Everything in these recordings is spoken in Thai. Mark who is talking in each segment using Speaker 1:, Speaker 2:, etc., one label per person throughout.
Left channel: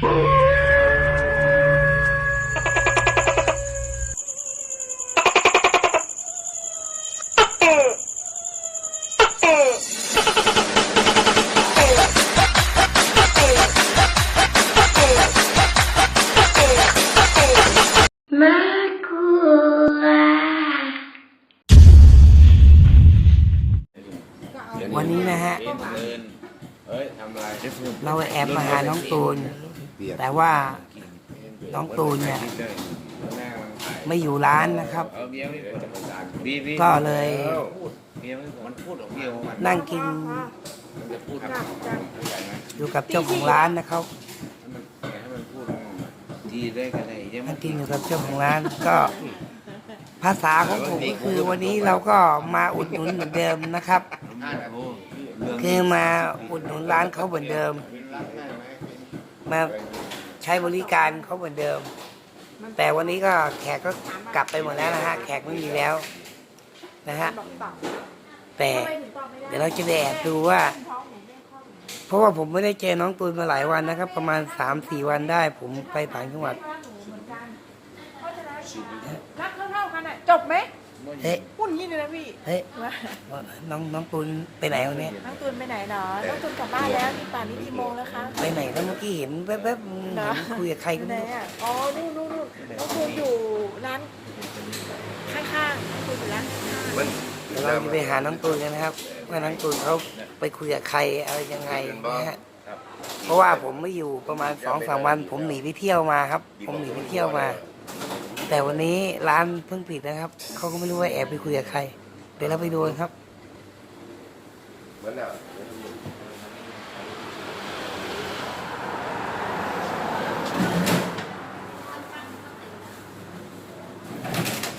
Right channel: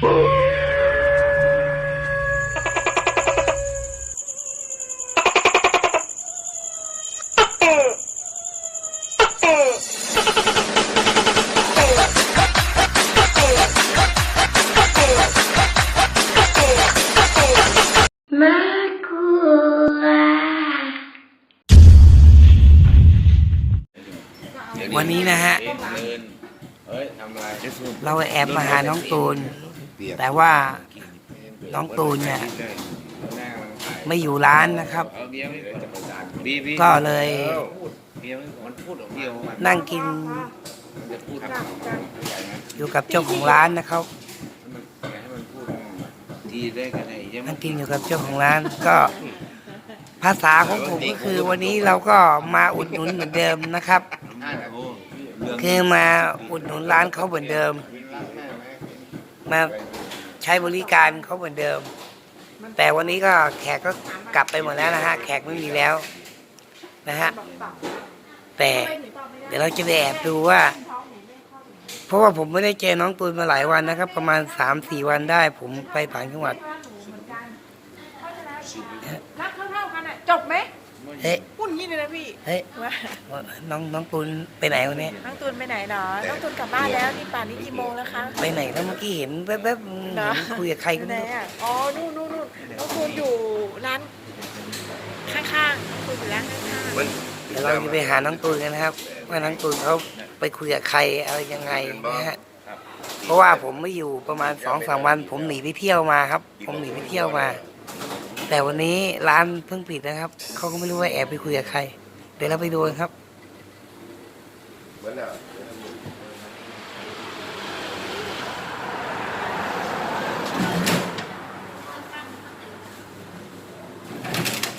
Speaker 1: วั
Speaker 2: นนี้นะฮะ
Speaker 3: เรา
Speaker 2: แอบมาหาน้องตูน แต่ว่าน้องตูนเนี่ยไม่อยู่ร้านนะครับ
Speaker 3: เอาเบียร์ไม่จะประสานบีบี
Speaker 2: ก็เลย
Speaker 3: เบียร์มันพูดออกเดียวมัน
Speaker 2: นั่งกิน
Speaker 3: มันจะพูดให้มัน
Speaker 2: อยู่กับเจ้าของร้านนะครับ
Speaker 3: ให้มันพูดทีได้กันไหนใช่ไหม
Speaker 2: นั่งกินอยู่กับเจ้าของร้านก็ภาษาของผมก็คือวันนี้เราก็มาอุดหนุนเหมือนเดิมนะครับ คือมาอุดหนุนร้านเขาเหมือนเดิม มาใช้บริการเขาเหมือนเดิม แต่วันนี้ก็แขกก็กลับไปหมดแล้วนะฮะ แขกไม่มีแล้วนะฮะ แต่เดี๋ยวเราจะไปแอบดูว่า เพราะว่าผมไม่ได้เจอน้องตูนมาหลายวันนะครับ ประมาณสามสี่วันได้ ผมไปต่างจังหวัด
Speaker 4: จบไหม
Speaker 2: เฮ้ย
Speaker 4: พูดอย่างนี้เลยนะพี่
Speaker 2: เฮ้ยน้องน้องตูนไปไหนวันนี้
Speaker 4: น้องตูนไปไหนเนาะน้องตูนกลับบ้านแล้วนี่ป่านนี้กี่โมงแล้วคะ
Speaker 2: ไปไหนแล้วเมื่อกี้เห็นแวบๆเห็นคุยกับใคร
Speaker 4: อ
Speaker 2: ก็
Speaker 4: ยู่ไหน
Speaker 2: ไม่รู้
Speaker 4: อะอ๋อนู่นนู่นนู่นน้องตูนอยู่ร้านข้างๆน้องตูนอยู่ร้านข้าง
Speaker 2: เดี๋ยวเราจะไปหาน้องตูนกันนะครับ ว่าน้องตูนเขาไปคุยกับใครอะไรยังไงนะฮะเพราะว่าผมไม่อยู่ประมาณสองสามวัน ผมหนีไปเที่ยวมาครับ ผมหนีไปเที่ยวมา แต่วันนี้ร้านเพิ่งปิดนะครับ เขาก็ไม่รู้ว่าแอบไปคุยกับใคร เดี๋ยวเราไปดูกันครับ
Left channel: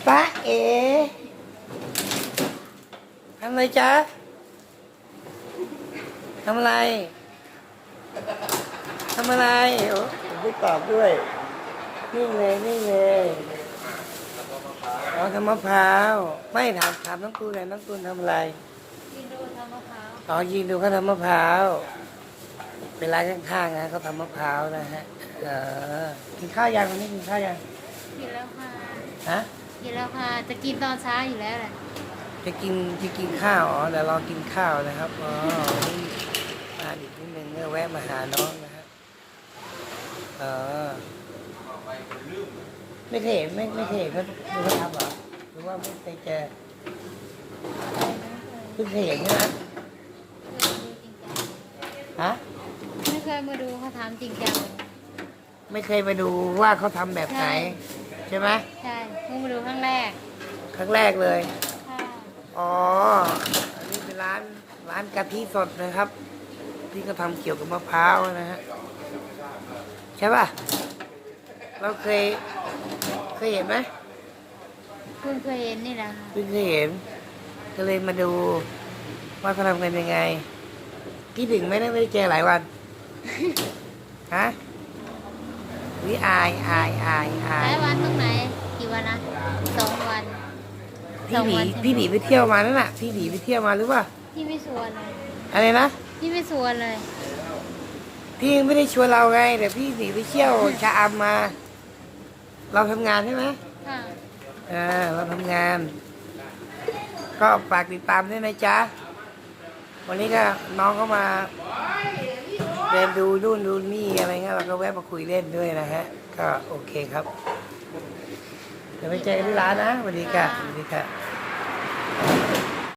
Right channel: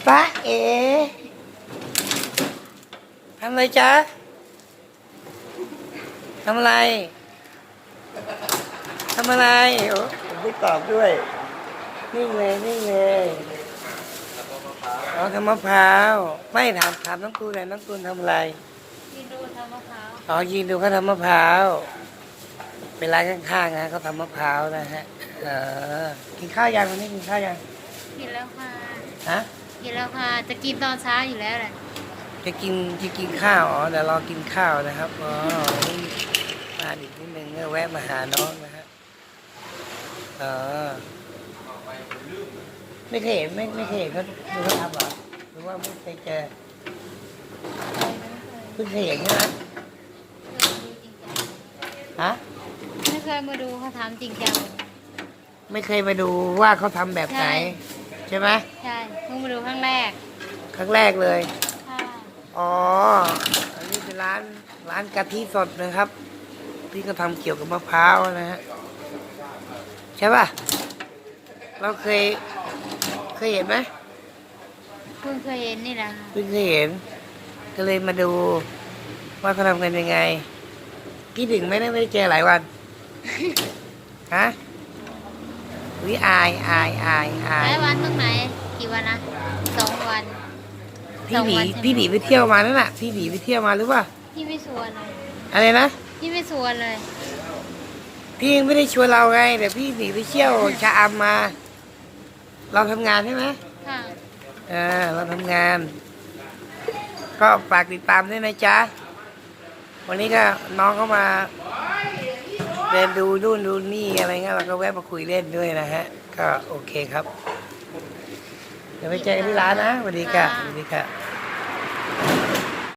Speaker 2: ป้าเอ๋ทำอะไรจ๊ะทำอะไรทำอะไรโอ้ผมไม่ตอบด้วย นิ่งเลยนิ่งเลยอ๋อทำมะพร้าวไม่ถามถามน้องตูนเลยน้องตูนทำอะไร
Speaker 1: ยืนดูทำมะพร้าว
Speaker 2: อ๋อยืนดูเขาทำมะพร้าวเป็นร้านข้างๆนะเขาทำมะพร้าวนะฮะเออกินข้าวยังวันนี้กินข้าวยัง
Speaker 1: กินแล้วค่ะ
Speaker 2: ฮะ
Speaker 1: กินแล้วค่ะจะกินตอนเช้าอยู่แล้วแหละ
Speaker 2: จะกินจะกินข้าวอ๋อเดี๋ยวรอกินข้าวนะครับอ๋ออ่านอีกนิดนึงก็แวะมาหาน้องนะฮะเออ ไม่เคยเห็นไม่ไม่เคยเห็นเขาดูเขาทำเหรอหรือว่าไม่เคยเจอเพิ่งเคยเห็นใช่ไหมฮะ
Speaker 1: ไม่เคยมาดูเขาทำจริงจังเลย
Speaker 2: ไม่เคยมาดูว่าเขาทำแบบไหน
Speaker 1: ใช่
Speaker 2: ใช่ไหม
Speaker 1: ใช่เพิ่งมาดูครั้งแรก
Speaker 2: ครั้งแรกเลย
Speaker 1: ค่ะ
Speaker 2: อ๋ออันนี้เป็นร้านร้านกะทิสดนะครับที่เขาทำเกี่ยวกับมะพร้าวนะฮะใช่ป่ะ เราเคย เคยเห็นไหม
Speaker 1: เพิ่งเคยเห็นนี่แหละค่ะ
Speaker 2: เพิ่งเคยเห็น ก็เลยมาดูว่าเขาทำกันยังไงที่ถึงไหม่ได้ไม่ได้เจอหลายวัน ฮะวิอายอายอายอา
Speaker 1: หลายยวันตรงไหนกี่วันนะสองวัน
Speaker 2: พี่หนีพี่หนีไปเที่ยวมานั่นน่ะพี่หนีไปเที่ยวมาหรือเปล่า
Speaker 1: พี่ไม่ชวนเลย
Speaker 2: อะไรนะ
Speaker 1: พี่ไม่ชวนเลย
Speaker 2: พี่ยังไม่ได้ชวนเราไงแต่พี่หนีไปเที่ยวชะอำมา เราทำงานใช่ไหม
Speaker 1: ค่ะ
Speaker 2: เออเราทำงาน ก็ฝากติดตามด้วยนะจ๊ะ วันนี้ก็น้องก็มาเดินดูนู่นดูนี่อะไรเงี้ยเราก็แวะมาคุยเล่นด้วยนะฮะ ก็โอเคครับ เดี๋ยวไปเจอกันที่ร้านนะสวัสดีค่ะสวัสดีค่ะ